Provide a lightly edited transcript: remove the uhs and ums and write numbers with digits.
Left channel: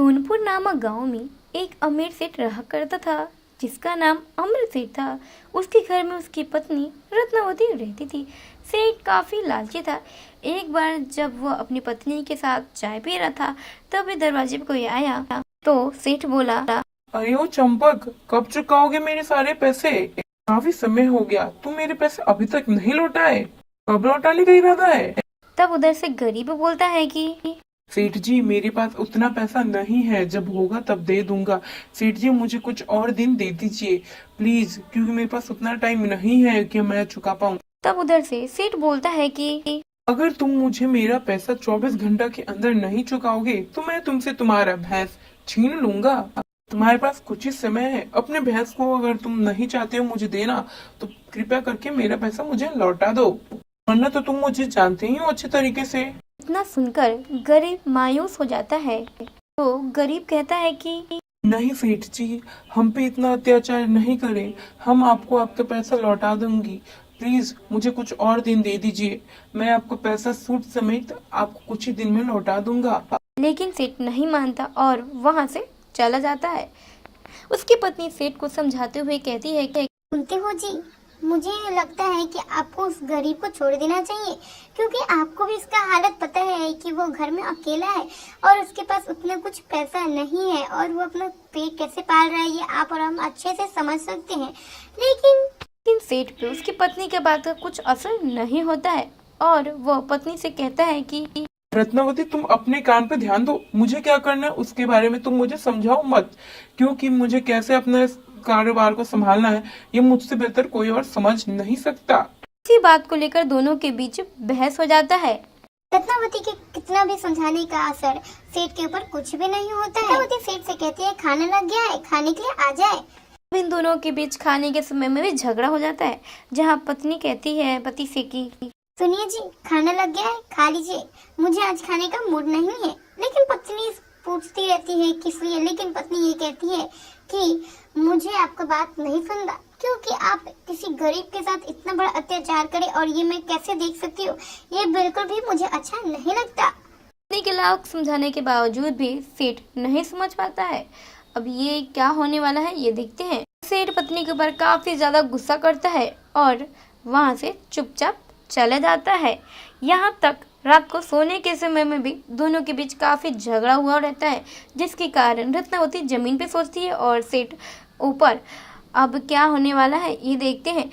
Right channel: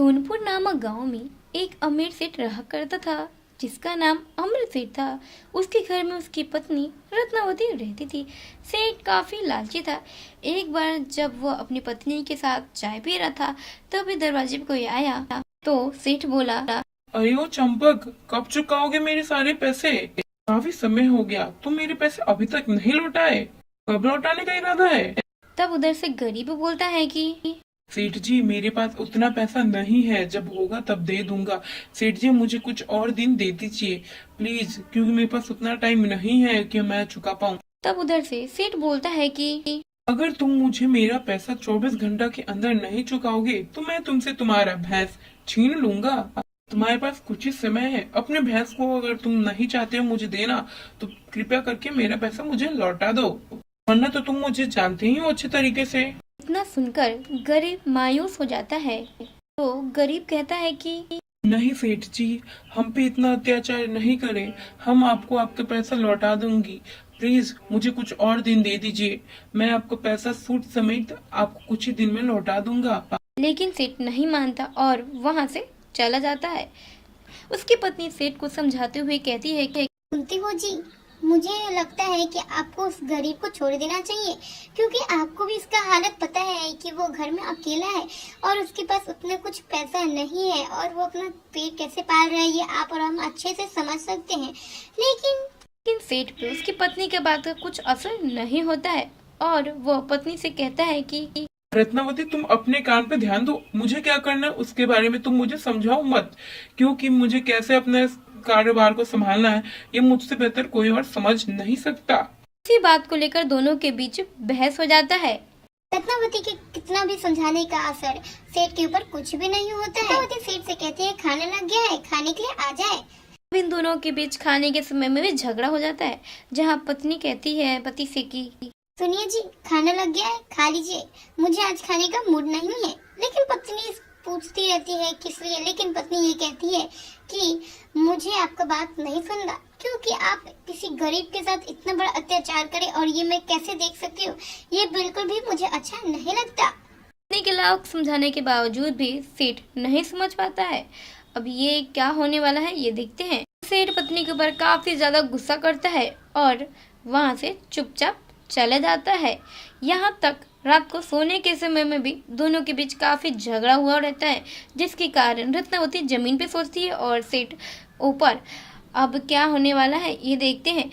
सोनपुर नामक गांव में एक अमीर सेठ रहा करता था जिसका नाम अमृत सेठ था। उसके घर में उसकी पत्नी रत्नावती रहती थी। सेठ काफी लालची था। एक बार जब वह अपनी पत्नी के साथ चाय पी रहा था तभी दरवाजे पे कोई आया तो सेठ बोला, अरे ओ चंपक, कब चुकाओगे मेरे सारे पैसे? काफी समय हो गया, तुम मेरे पैसे अभी तक नहीं लौटाए। कब लौटाने का इरादा है? तब उधर से गरीब बोलता है कि सेठ जी, मेरे पास उतना पैसा नहीं है, जब होगा तब दे दूंगा। सेठ जी, मुझे कुछ और दिन दे दीजिए प्लीज, क्योंकि मेरे पास उतना टाइम नहीं है कि मैं चुका पाऊँ। तब उधर से सेठ बोलता है कि अगर तुम मुझे मेरा पैसा 24 घंटा के अंदर नहीं चुकाओगे तो मैं तुमसे तुम्हारा भैंस छीन लूंगा। तुम्हारे पास कुछ ही समय है, अपने भैंस को अगर तुम नहीं चाहते हो मुझे देना तो कृपया करके मेरा पैसा मुझे लौटा दो, वरना तो तुम मुझे जानते ही हो अच्छे तरीके से। इतना सुनकर गरीब मायूस हो जाता है। तो गरीब कहता है कि नहीं सेठ जी, हम पे इतना अत्याचार नहीं करें, हम आपको आपका पैसा लौटा दूंगी। प्लीज मुझे कुछ और दिन दे दीजिए, मैं आपका पैसा सूद समेत आपको कुछ ही दिन में लौटा दूंगा। लेकिन सेठ नहीं मानता और वहां से चला जाता है। उसकी पत्नी सेठ को समझाते हुए कहती है कि सुनते हो जी, मुझे लगता है कि आपको उस गरीब को छोड़ देना चाहिए, क्योंकि आपको भी इसका हालत पता है कि वो घर में अकेला है और उसके पास उतना कुछ पैसा नहीं है और वो अपना पेट कैसे पाल रहा है ये आप और हम अच्छे से समझ सकते हैं। लेकिन सेठ पे उसकी पत्नी के बात का कुछ असर नहीं होता है और वो पत्नी से कहता है कि रत्नावती, तुम अपने काम पे ध्यान दो, मुझे क्या करना है उसके बारे में तुम मुझे समझाओ मत, क्योंकि मुझे कैसे अपना इस कारोबार को संभालना है ये मुझसे बेहतर कोई और समझ नहीं सकता। इसी बात को लेकर दोनों के बीच बहस हो जाता है। रत्नावती के कितना भी समझाने का असर सेठ के ऊपर कुछ भी नहीं होता है। रत्नावती सेठ से कहती है खाना लग गया है, खाने के लिए आ जाए। इन दोनों के बीच खाने के समय में भी झगड़ा हो जाता है, जहाँ पत्नी कहती है पति से कि सुनिए जी, खाना लग गया है, खा लीजिए, मुझे आज खाने का मूड नहीं है। लेकिन पत्नी पूछती रहती है किस लिए, लेकिन पत्नी ये कहती है कि मुझे आपका बात नहीं सुनना, क्योंकि आप किसी गरीब के साथ इतना बड़ा अत्याचार करें और ये मैं कैसे देख सकती हूँ, ये बिल्कुल भी मुझे अच्छा नहीं लगता। पत्नी के लाख समझाने के बावजूद भी सेठ नहीं समझ पाता है। अब ये क्या होने वाला है ये देखते हैं। सेठ पत्नी के ऊपर काफी ज्यादा गुस्सा करता है और वहाँ से चुपचाप चला जाता है। यहाँ तक रात को सोने के समय में भी दोनों के बीच काफी झगड़ा हुआ रहता है, जिसके कारण रत्नावती जमीन पे सोचती है और सेठ ऊपर। अब क्या होने वाला है ये देखते हैं।